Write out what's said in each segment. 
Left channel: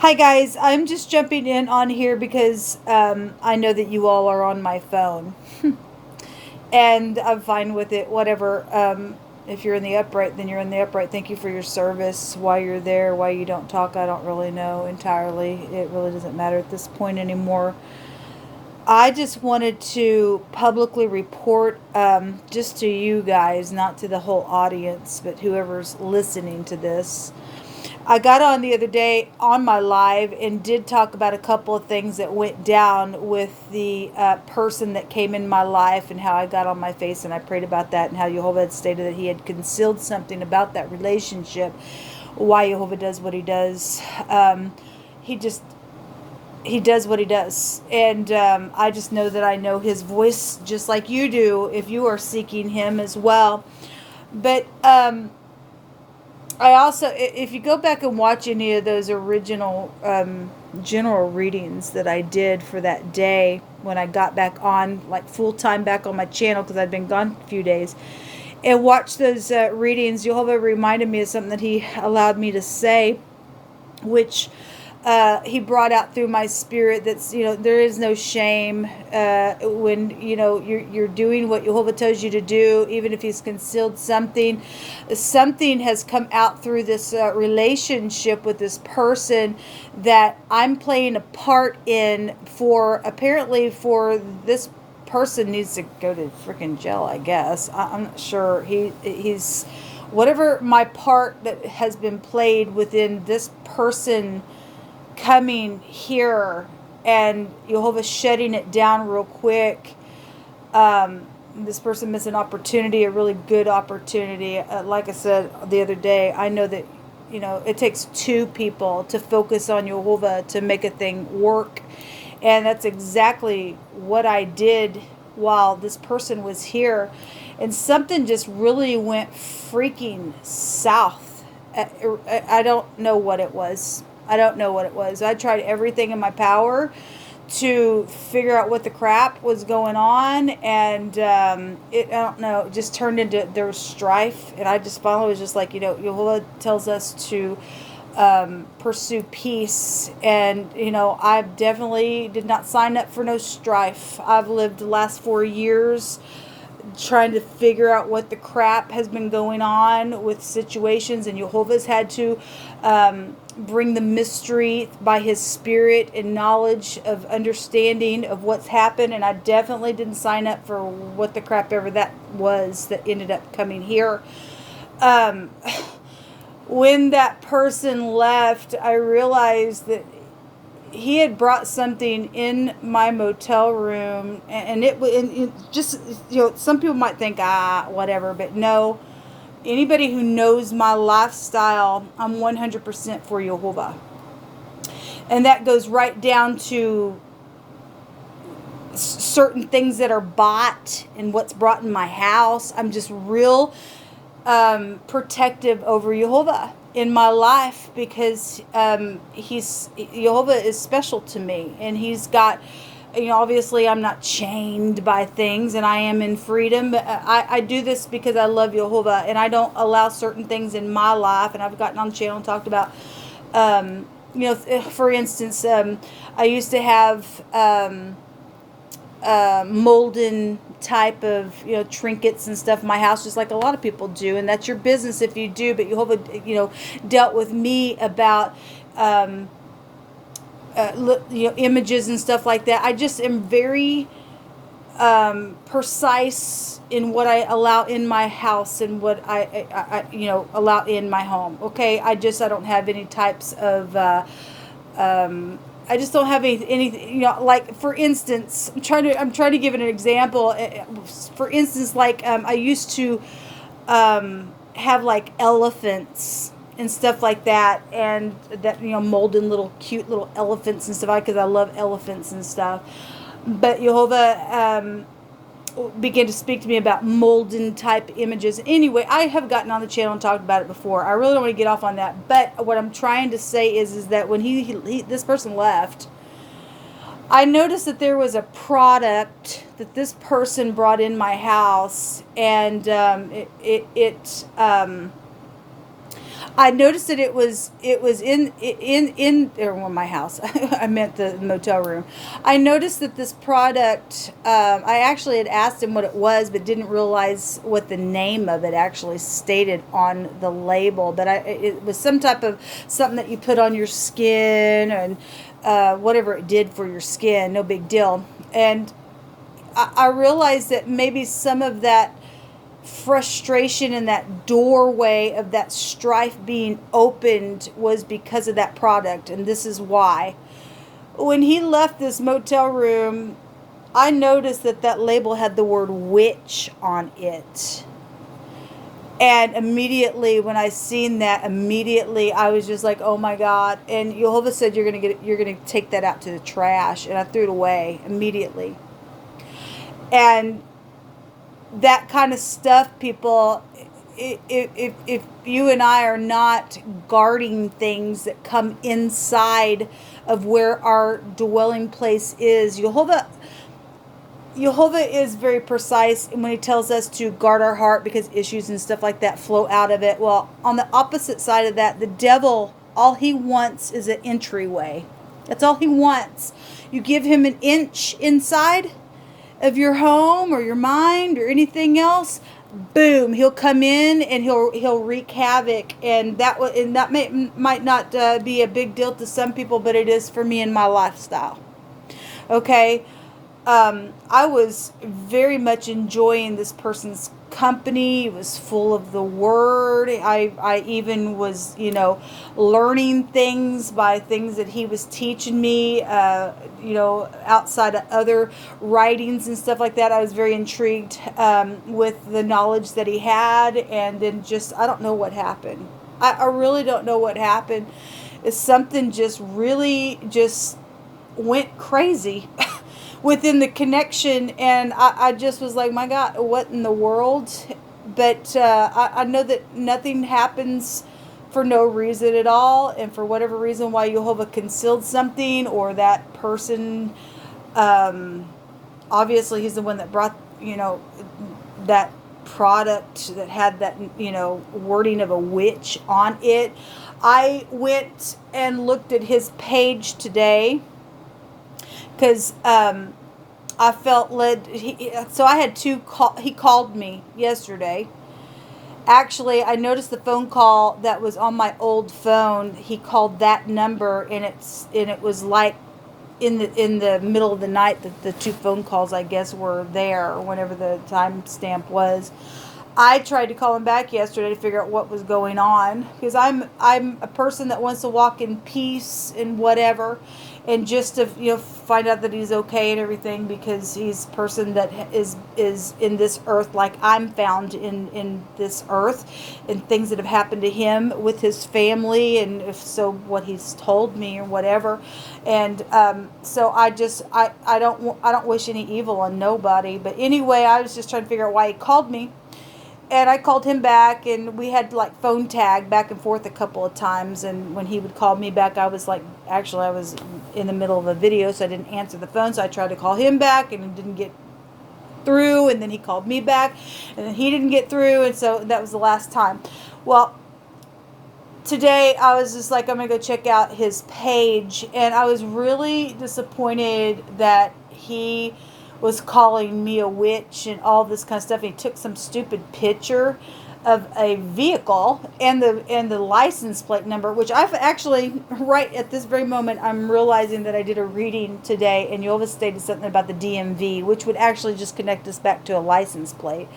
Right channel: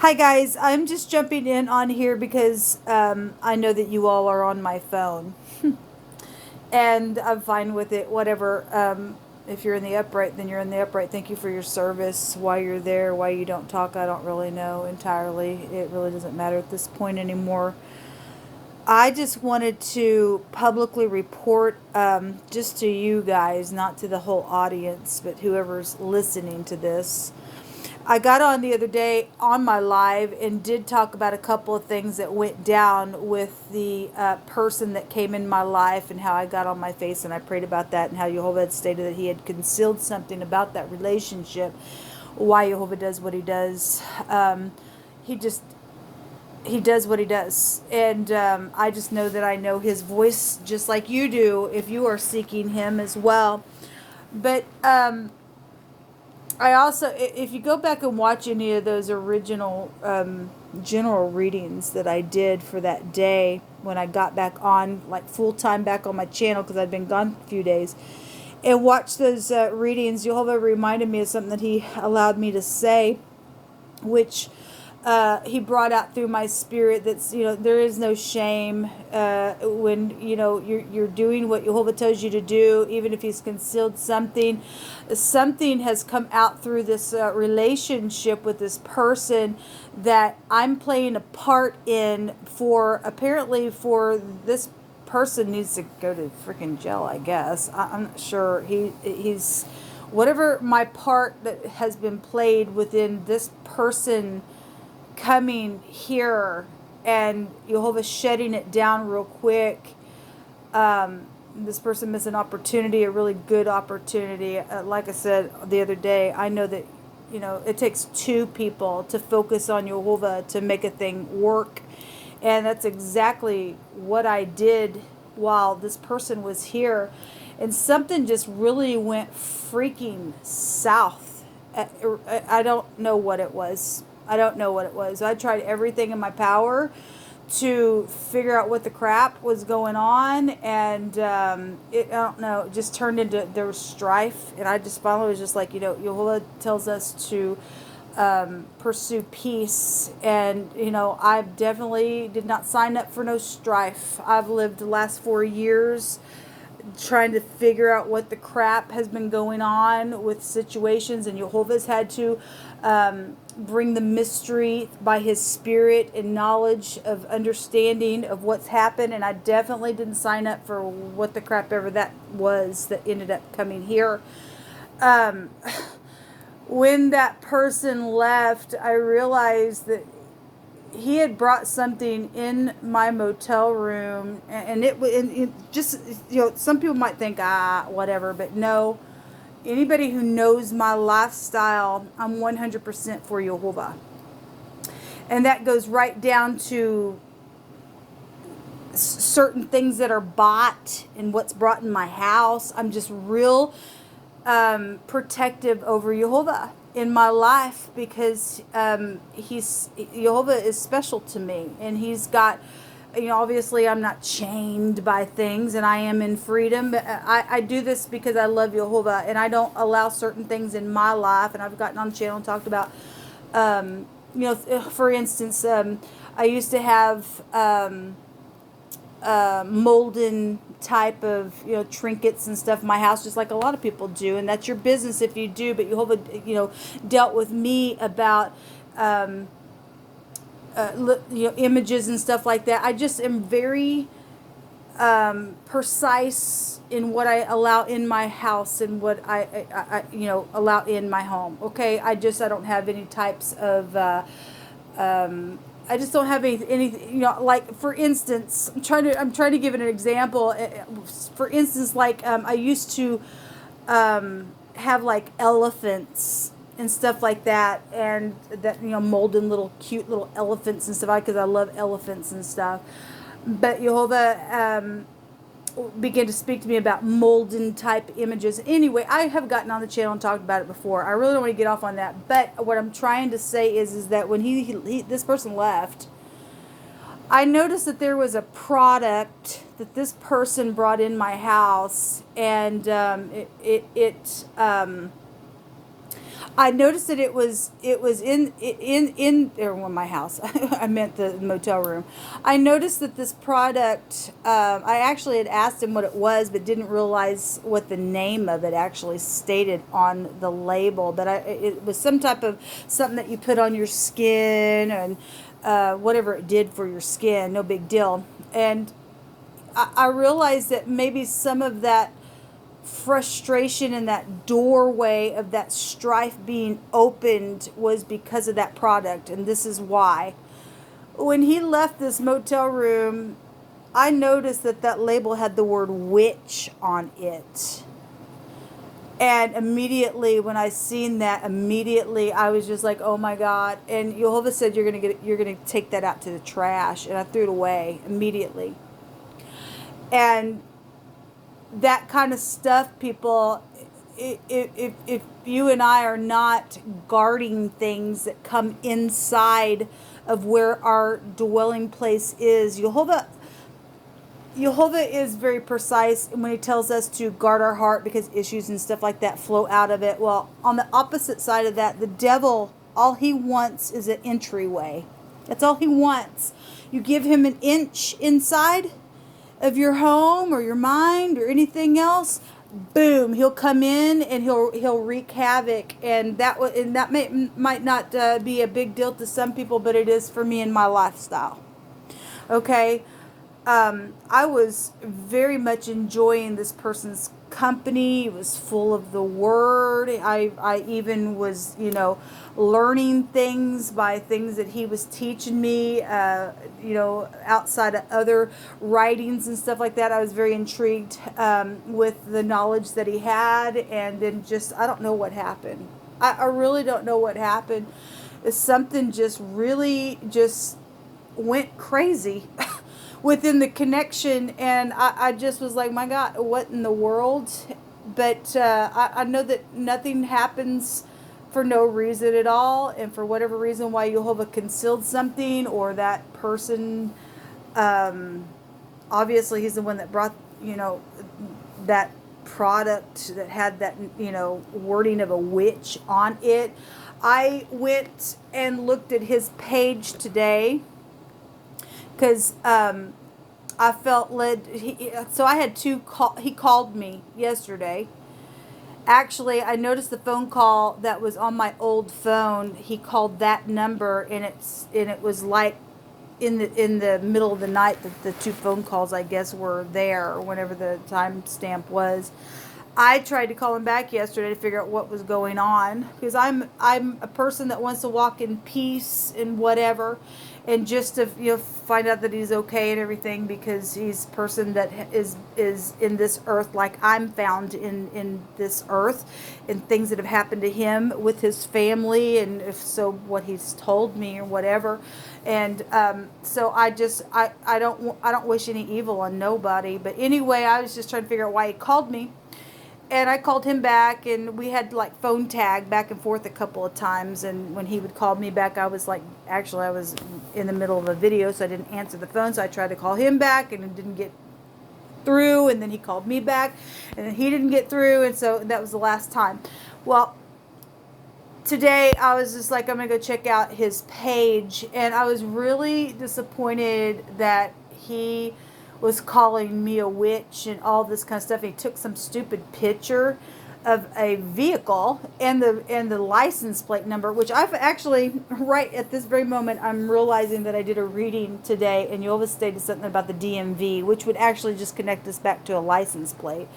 Hi guys, I'm just jumping in on here because I know that you all are on my phone, and I'm fine with it. Whatever. If you're in the upright, then you're in the upright. Thank you for your service. Why you're there, why you don't talk, I don't really know entirely. It really doesn't matter at this point anymore. I just wanted to publicly report, just to you guys, not to the whole audience, but whoever's listening to this. I got on the other day on my live and did talk about a couple of things that went down with the person that came in my life and how I got on my face and I prayed about that and how Jehovah had stated that he had concealed something about that relationship, why Jehovah does what he does. He just he does what he does, and I just know that I know his voice just like you do if you are seeking him as well. But I also, if you go back and watch any of those original general readings that I did for that day when I got back on, like full time back on my channel because I'd been gone a few days, and watch those readings, Jehovah reminded me of something that he allowed me to say, which he brought out through my spirit. That's, there is no shame when you're doing what Jehovah tells you to do, even if he's concealed something. Something has come out through this relationship with this person that I'm playing a part in. For apparently for this person needs to go to freaking jail, I guess. I'm not sure. He's whatever my part that has been played within this person coming here and Jehovah shutting it down real quick. This person missed an opportunity, a really good opportunity. Like I said the other day, I know that it takes two people to focus on Jehovah to make a thing work, and that's exactly what I did while this person was here, and something just really went freaking south. I don't know what it was. I don't know what it was. I tried everything in my power to figure out what the crap was going on, and I don't know, it just turned into, there was strife, and I just finally was just like, Yehovah tells us to pursue peace, and I definitely did not sign up for no strife. I've lived the last 4 years trying to figure out what the crap has been going on with situations, and Jehovah's had to bring the mystery by his spirit and knowledge of understanding of what's happened, and I definitely didn't sign up for what the crap ever that was that ended up coming here. um, when that person left, I realized that he had brought something in my motel room, and it just, some people might think, whatever, but no. Anybody who knows my lifestyle, I'm 100% for Jehovah. And that goes right down to certain things that are bought and what's brought in my house. I'm just real protective over Jehovah in my life because Jehovah is special to me, and he's got, obviously I'm not chained by things and I am in freedom, but I do this because I love Jehovah, and I don't allow certain things in my life. And I've gotten on the channel and talked about, for instance, I used to have molden type of trinkets and stuff in my house, just like a lot of people do, and that's your business if you do. But Jehovah dealt with me about images and stuff like that. I just am very precise in what I allow in my house and what I allow in my home. Okay, I don't have any types of I just don't have any, like, for instance, I'm trying to give it an example. For instance, like, I used to have like elephants and stuff like that, and that, molden little cute little elephants and stuff, because I love elephants and stuff. But Jehovah began to speak to me about molden type images. Anyway, I have gotten on the channel and talked about it before. I really don't want to get off on that. But what I'm trying to say is that when this person left, I noticed that there was a product that this person brought in my house, and I noticed that it was in or well, my house. I meant the motel room. I noticed that this product. I actually had asked him what it was, but didn't realize what the name of it actually stated on the label. But it was some type of something that you put on your skin and whatever it did for your skin. No big deal. And I realized that maybe some of that frustration in that doorway of that strife being opened was because of that product, and this is why. When he left this motel room, I noticed that that label had the word witch on it. And immediately when I seen that, immediately I was just like, oh my God. And Jehovah said you're gonna take that out to the trash, and I threw it away immediately. And that kind of stuff, people, if you and I are not guarding things that come inside of where our dwelling place is, Jehovah is very precise when he tells us to guard our heart because issues and stuff like that flow out of it. Well, on the opposite side of that, the devil, all he wants is an entryway. That's all he wants. You give him an inch inside of your home or your mind or anything else, boom, he'll come in and he'll wreak havoc. And that might not be a big deal to some people, but it is for me in my lifestyle. Okay. I was very much enjoying this person's company. He was full of the word. I even was, learning things by things that he was teaching me, outside of other writings and stuff like that. I was very intrigued with the knowledge that he had. And then I don't know what happened. I really don't know what happened. It's something just really just went crazy. Within the connection, and I just was like, my God, what in the world? But I know that nothing happens for no reason at all, and for whatever reason why Jehovah concealed something, or that person, obviously he's the one that brought, that product that had that, wording of a witch on it. I went and looked at his page today, because I felt led. So I had he called me yesterday. Actually, I noticed the phone call that was on my old phone. He called that number, and it was like in the middle of the night that the two phone calls, I guess, were there, or whenever the timestamp was. I tried to call him back yesterday to figure out what was going on, because I'm a person that wants to walk in peace and whatever, and just to find out that he's okay and everything, because he's a person that is in this earth like I'm found in this earth, and things that have happened to him with his family, and if so, what he's told me or whatever. And so I don't wish any evil on nobody. But anyway, I was just trying to figure out why he called me. And I called him back, and we had like phone tag back and forth a couple of times. And when he would call me back, I was in the middle of a video, so I didn't answer the phone. So I tried to call him back, and it didn't get through. And then he called me back, and he didn't get through. And so that was the last time. Well, today I was just like, I'm going to go check out his page. And I was really disappointed that he was calling me a witch and all this kind of stuff. He took some stupid picture of a vehicle and the license plate number, which I've actually, right at this very moment, I'm realizing that I did a reading today, and you always stated something about the DMV, which would actually just connect us back to a license plate.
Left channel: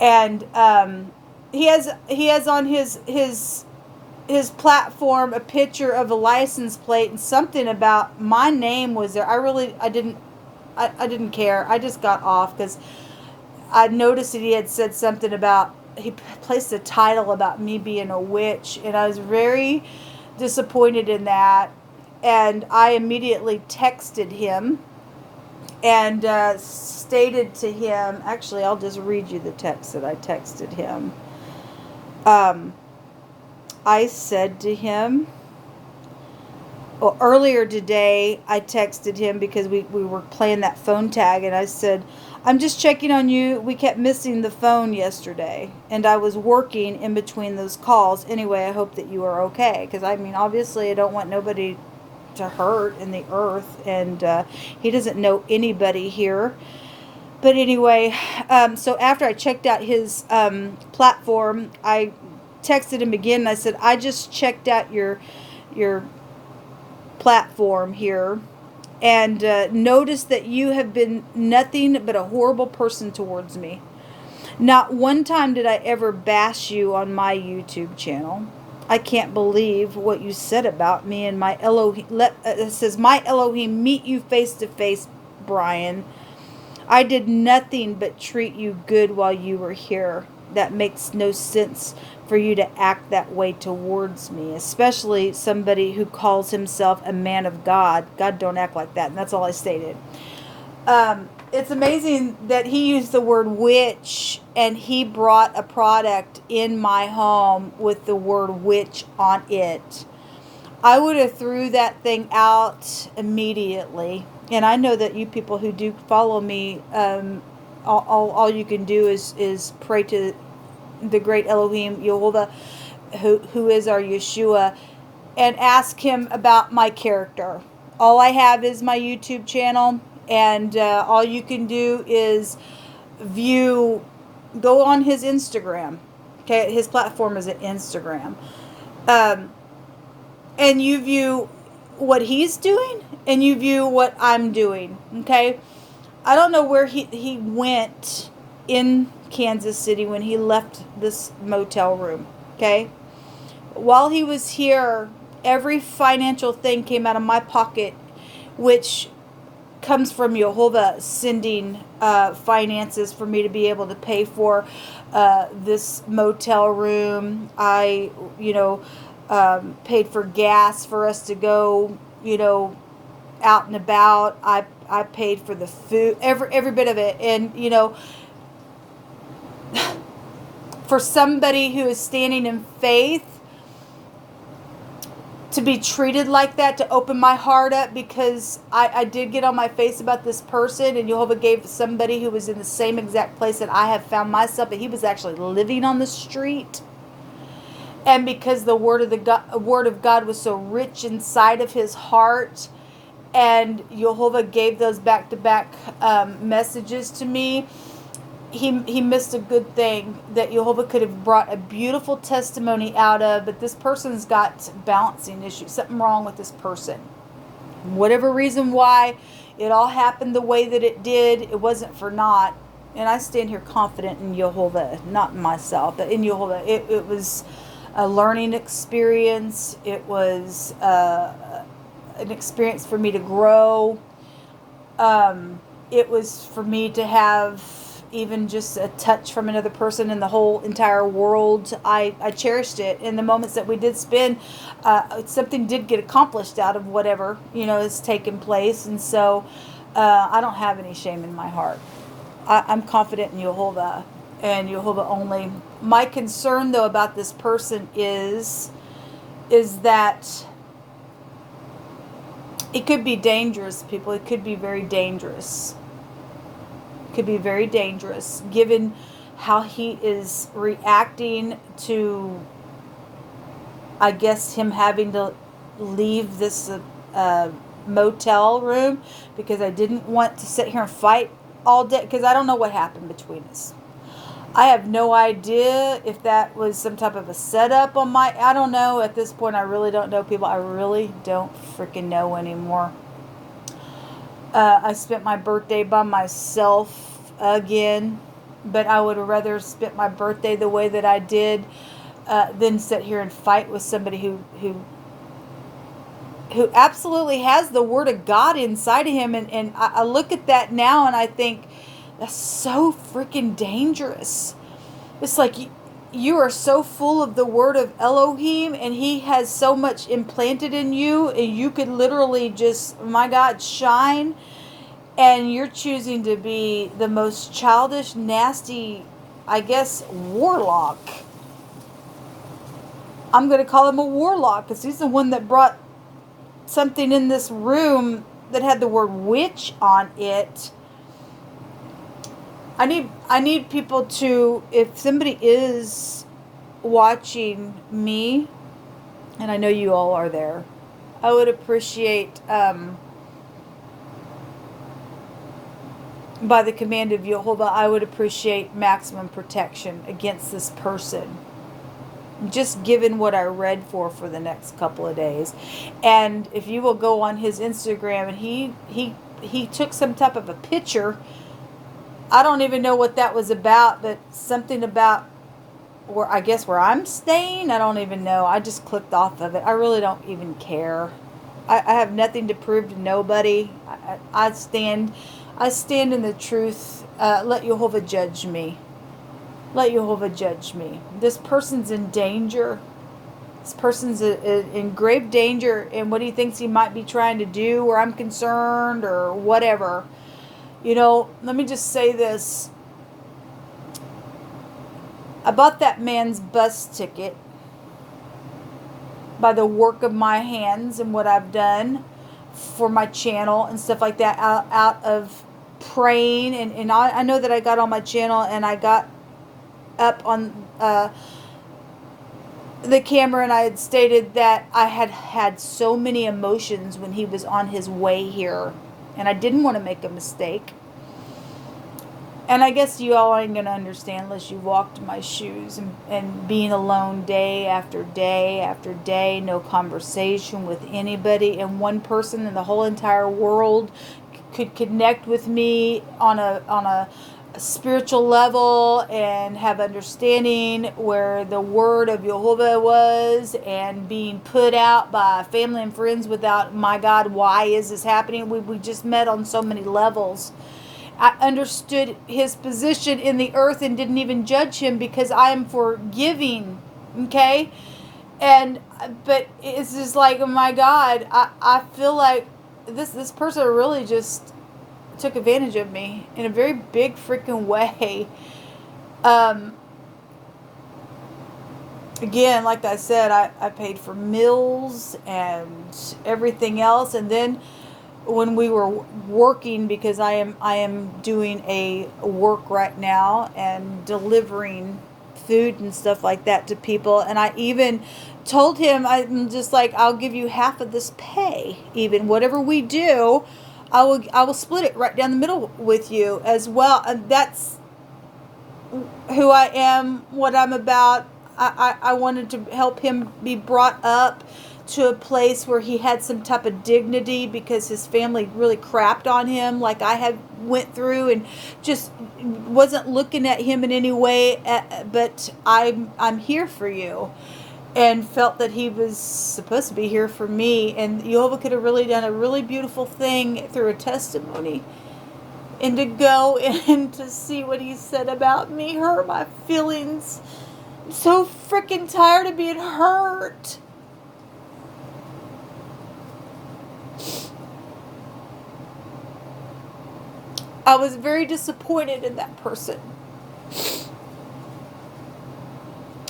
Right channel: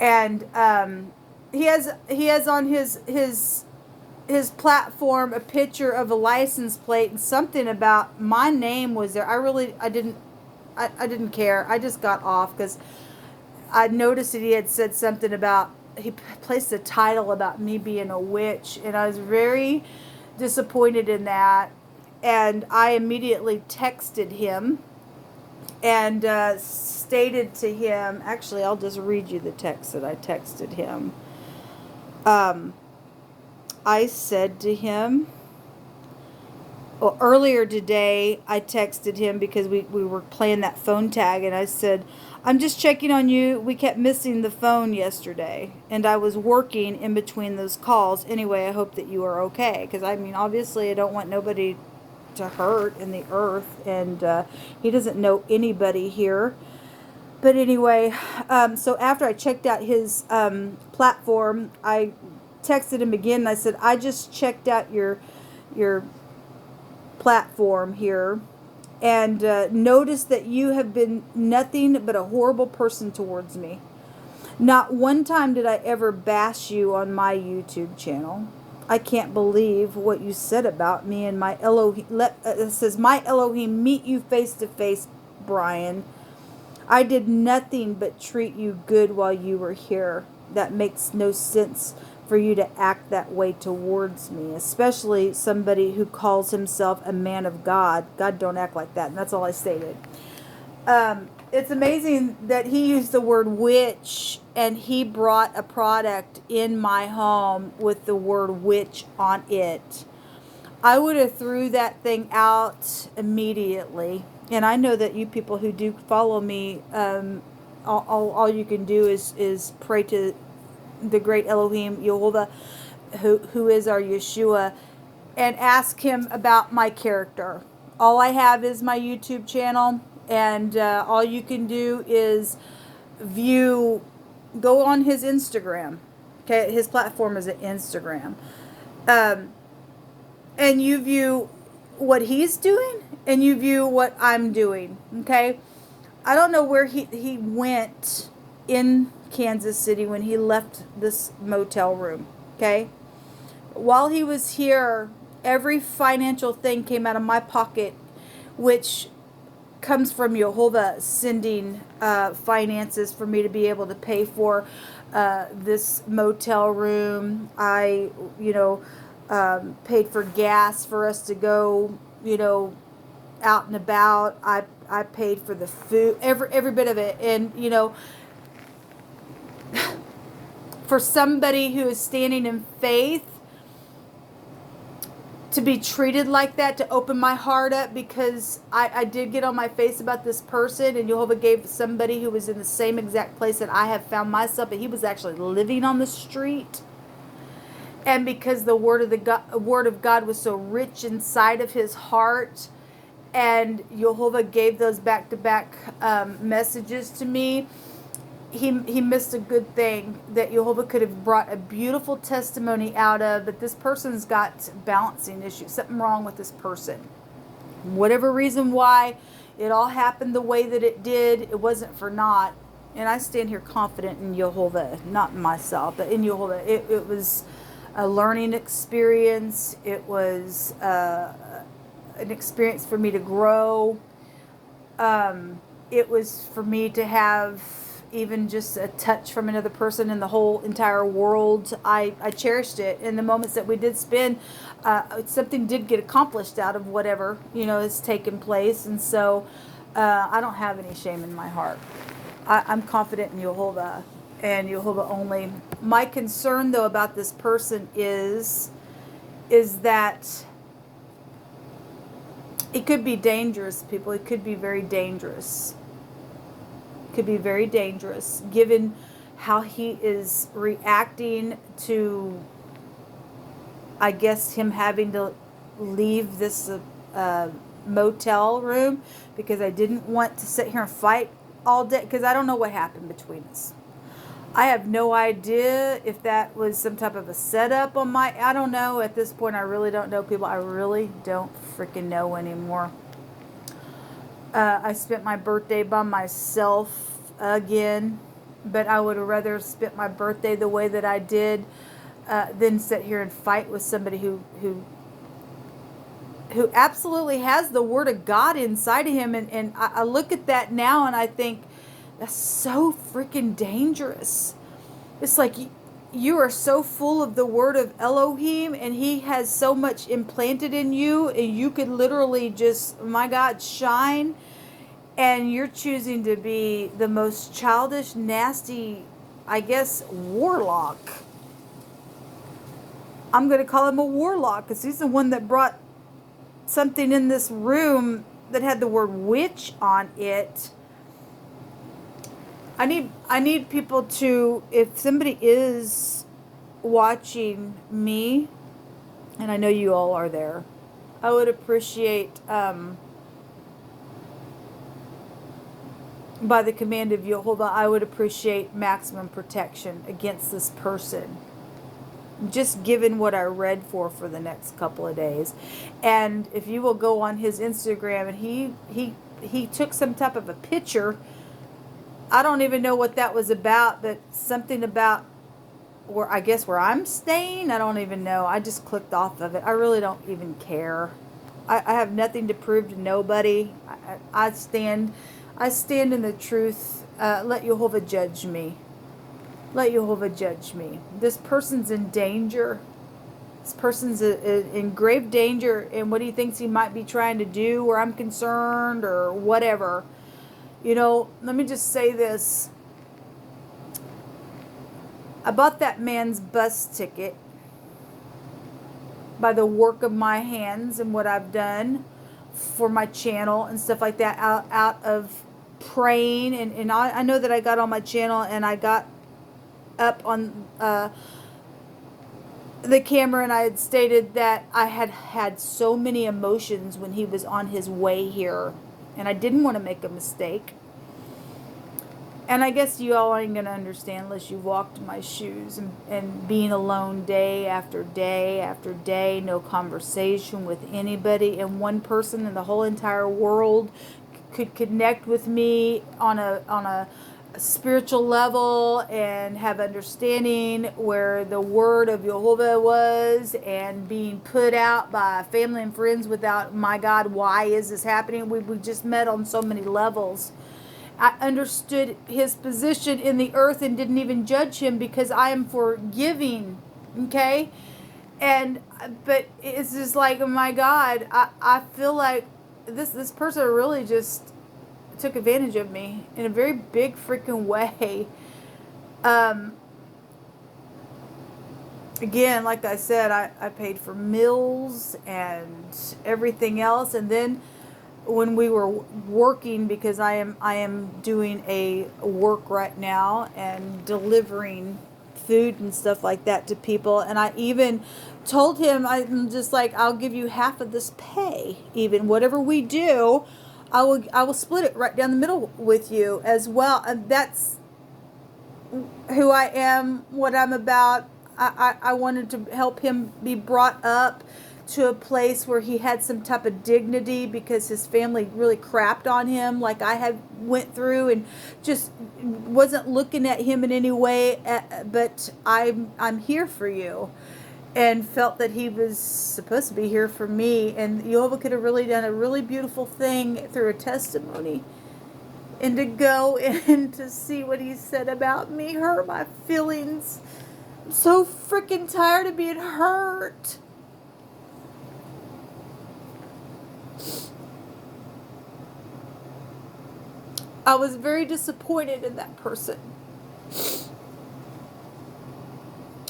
And he has on his platform a picture of a license plate, and something about my name was there. I didn't care. I just got off because I noticed that he had said something about, he placed a title about me being a witch, and I was very disappointed in that. And I immediately texted him and stated to him, actually, I'll just read you the text that I texted him. I said to him, well, earlier today, I texted him because we were playing that phone tag, and I said, I'm just checking on you. We kept missing the phone yesterday, and I was working in between those calls. Anyway, I hope that you are okay, because I mean, obviously, I don't want nobody to hurt in the earth, and he doesn't know anybody here. But anyway, so after I checked out his platform, I texted him again, and I said, I just checked out your platform here, and noticed that you have been nothing but a horrible person towards me. Not one time did I ever bash you on my YouTube channel. I can't believe what you said about me and my Elohim. It says, my Elohim meet you face to face, Brian. I did nothing but treat you good while you were here. That makes no sense for you to act that way towards me, especially somebody who calls himself a man of God. God don't act like that, and that's all I stated. It's amazing that he used the word witch, and he brought a product in my home with the word witch on it. I would have threw that thing out immediately. And I know that you people who do follow me, all you can do is pray to the great Elohim, Yehovah, who is our Yeshua, and ask him about my character. All I have is my YouTube channel, and all you can do is go on his Instagram. Okay, his platform is at Instagram. And you view what he's doing, and you view what I'm doing. Okay, I don't know where he went in Kansas City when he left this motel room. Okay, while he was here, every financial thing came out of my pocket, which comes from Yehovah sending finances for me to be able to pay for this motel room. I, paid for gas for us to go, out and about. I paid for the food, every bit of it. And, for somebody who is standing in faith to be treated like that, to open my heart up, because I did get on my face about this person, and Jehovah gave somebody who was in the same exact place that I have found myself, and he was actually living on the street. And because the word of God was so rich inside of his heart, and Jehovah gave those back-to-back messages to me, he missed a good thing that Jehovah could have brought a beautiful testimony out of, but this person's got balancing issues, something wrong with this person. Whatever reason why it all happened the way that it did, it wasn't for naught. And I stand here confident in Jehovah, not in myself, but in Jehovah. It was a learning experience. It was an experience for me to grow. It was for me to have even just a touch from another person in the whole entire world. I cherished it. In the moments that we did spend, something did get accomplished out of whatever, has taken place. And so I don't have any shame in my heart. I'm confident in Yehovah and Yehovah only. My concern, though, about this person is that it could be dangerous, people. It could be very dangerous. Could be very dangerous given how he is reacting to, I guess, him having to leave this motel room, because I didn't want to sit here and fight all day, because I don't know what happened between us. I have no idea if that was some type of a setup on I don't know. At this point, I really don't know, people. I really don't freaking know anymore. I spent my birthday by myself again, but I would have rather spent my birthday the way that I did than sit here and fight with somebody who absolutely has the word of God inside of him. And I look at that now and I think, that's so freaking dangerous. It's like you are so full of the word of Elohim, and he has so much implanted in you, and you could literally just, my God, shine. And you're choosing to be the most childish, nasty, I guess, warlock. I'm going to call him a warlock, because he's the one that brought something in this room that had the word witch on it. I need people to, if somebody is watching me, and I know you all are there, I would appreciate, by the command of Jehovah, I would appreciate maximum protection against this person. Just given what I read for the next couple of days. And if you will go on his Instagram, and he took some type of a picture. I don't even know what that was about, but something about where I'm staying. I don't even know. I just clicked off of it. I really don't even care. I have nothing to prove to nobody. I stand in the truth. Let Jehovah judge me. Let Jehovah judge me. This person's in danger. This person's in grave danger in what he thinks he might be trying to do, where I'm concerned, or whatever. Let me just say this. I bought that man's bus ticket by the work of my hands and what I've done for my channel and stuff like that, out of praying. And I know that I got on my channel and I got up on the camera, and I had stated that I had so many emotions when he was on his way here, and I didn't want to make a mistake. And I guess you all aren't going to understand unless you walked in my shoes, and being alone day after day after day, no conversation with anybody, and one person in the whole entire world could connect with me on a spiritual level and have understanding where the word of Jehovah was, and being put out by family and friends without, my God, why is this happening? We just met on so many levels. I understood his position in the earth and didn't even judge him, because I am forgiving, okay? But it's just like, oh my God, I feel like this person really just took advantage of me in a very big freaking way. Again, like I said, I paid for meals and everything else, and then when we were working, because I am doing a work right now and delivering food and stuff like that to people, and I even told him, I'm just like, I'll give you half of this pay, even whatever we do, I will split it right down the middle with you as well. And that's who I am, what I'm about. I wanted to help him be brought up to a place where he had some type of dignity, because his family really crapped on him, like I had went through, and just wasn't looking at him in any way. But I'm here for you, and felt that he was supposed to be here for me. And Jehovah could have really done a really beautiful thing through a testimony, and to go and to see what he said about me hurt my feelings. I'm so freaking tired of being hurt. I was very disappointed in that person.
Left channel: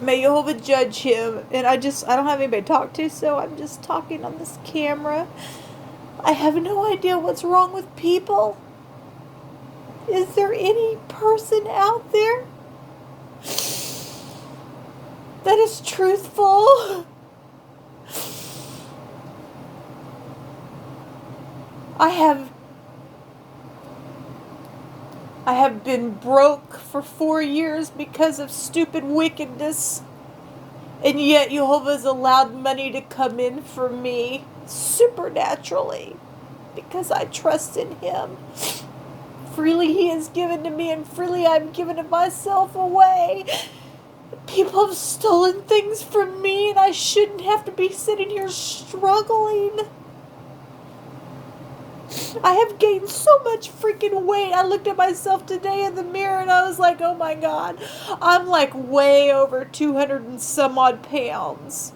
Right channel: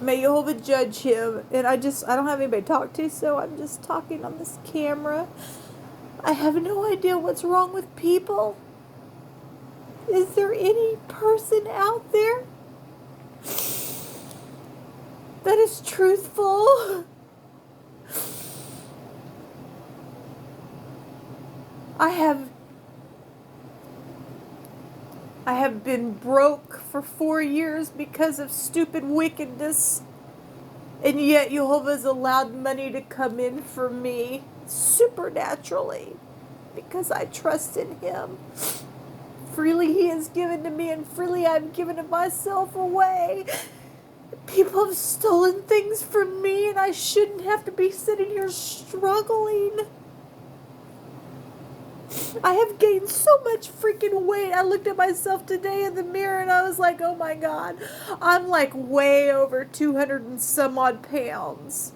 May Jehovah judge him. And I don't have anybody to talk to, so I'm just talking on this camera. I have no idea what's wrong with people. Is there any person out there that is truthful? I have been broke for 4 years because of stupid wickedness. And yet Jehovah has allowed money to come in for me supernaturally, because I trust in him. Freely he has given to me, and freely I've given of myself away. People have stolen things from me, and I shouldn't have to be sitting here struggling. I have gained so much freaking weight. I looked at myself today in the mirror and I was like, oh my God, I'm like way over 200 and some odd pounds.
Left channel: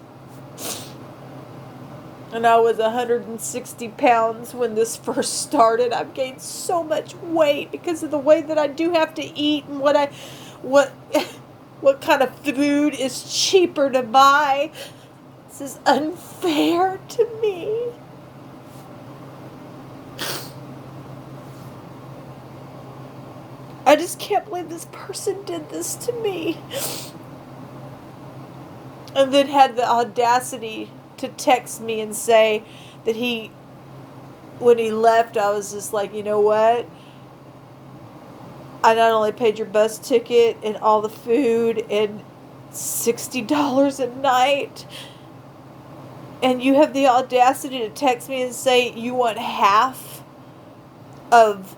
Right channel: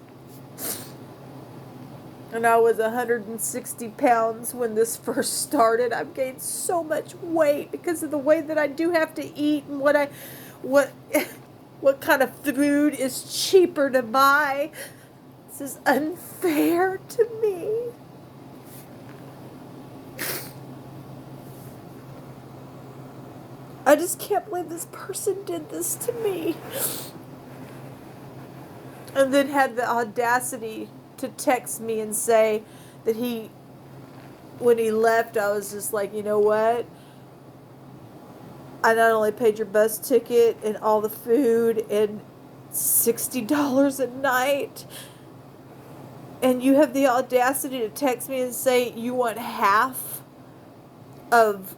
And I was 160 pounds when this first started. I've gained so much weight because of the way that I do have to eat, and what kind of food is cheaper to buy. This is unfair to me. just can't believe this person did this to me. And then had the audacity to text me and say that when he left, I was just like, you know what? I not only paid your bus ticket and all the food and $60 a night, and you have the audacity to text me and say you want half of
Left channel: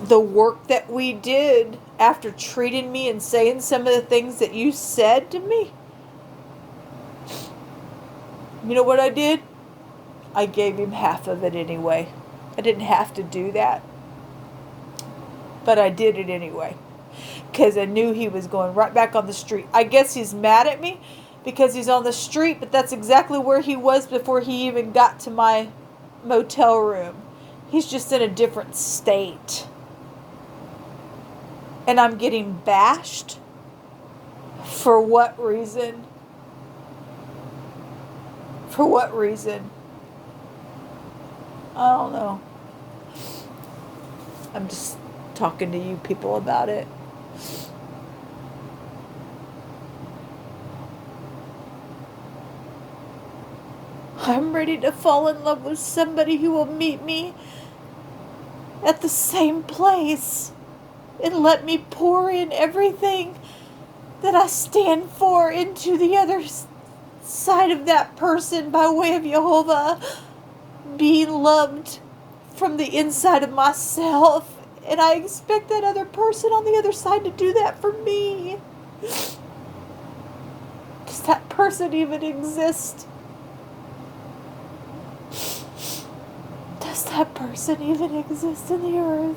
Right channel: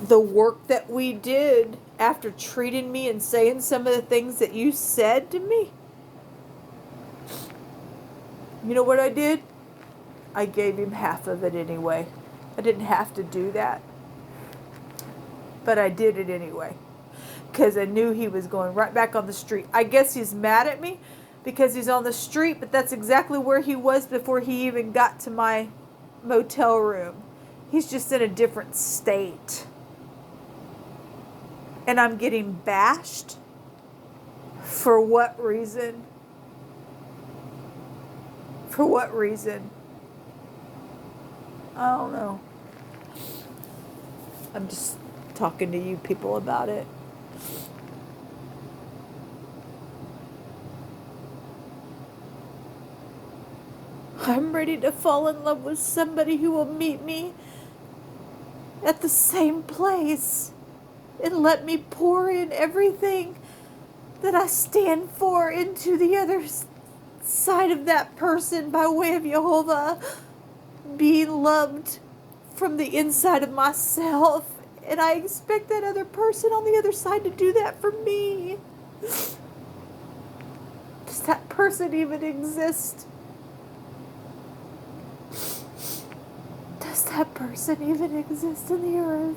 the work that we did after treating me and saying some of the things that you said to me. You know what I did? I gave him half of it anyway. I didn't have to do that, but I did it anyway because I knew he was going right back on the street. I guess he's mad at me because he's on the street, but that's exactly where he was before he even got to my motel room. He's just in a different state. And I'm getting bashed? For what reason? For what reason? I don't know. I'm just talking to you people about it. I'm ready to fall in love with somebody who will meet me at the same place and let me pour in everything that I stand for into the other side of that person by way of Jehovah, being loved from the inside of myself. And I expect that other person on the other side to do that for me. Does that person even exist? Does that person even exist in the earth?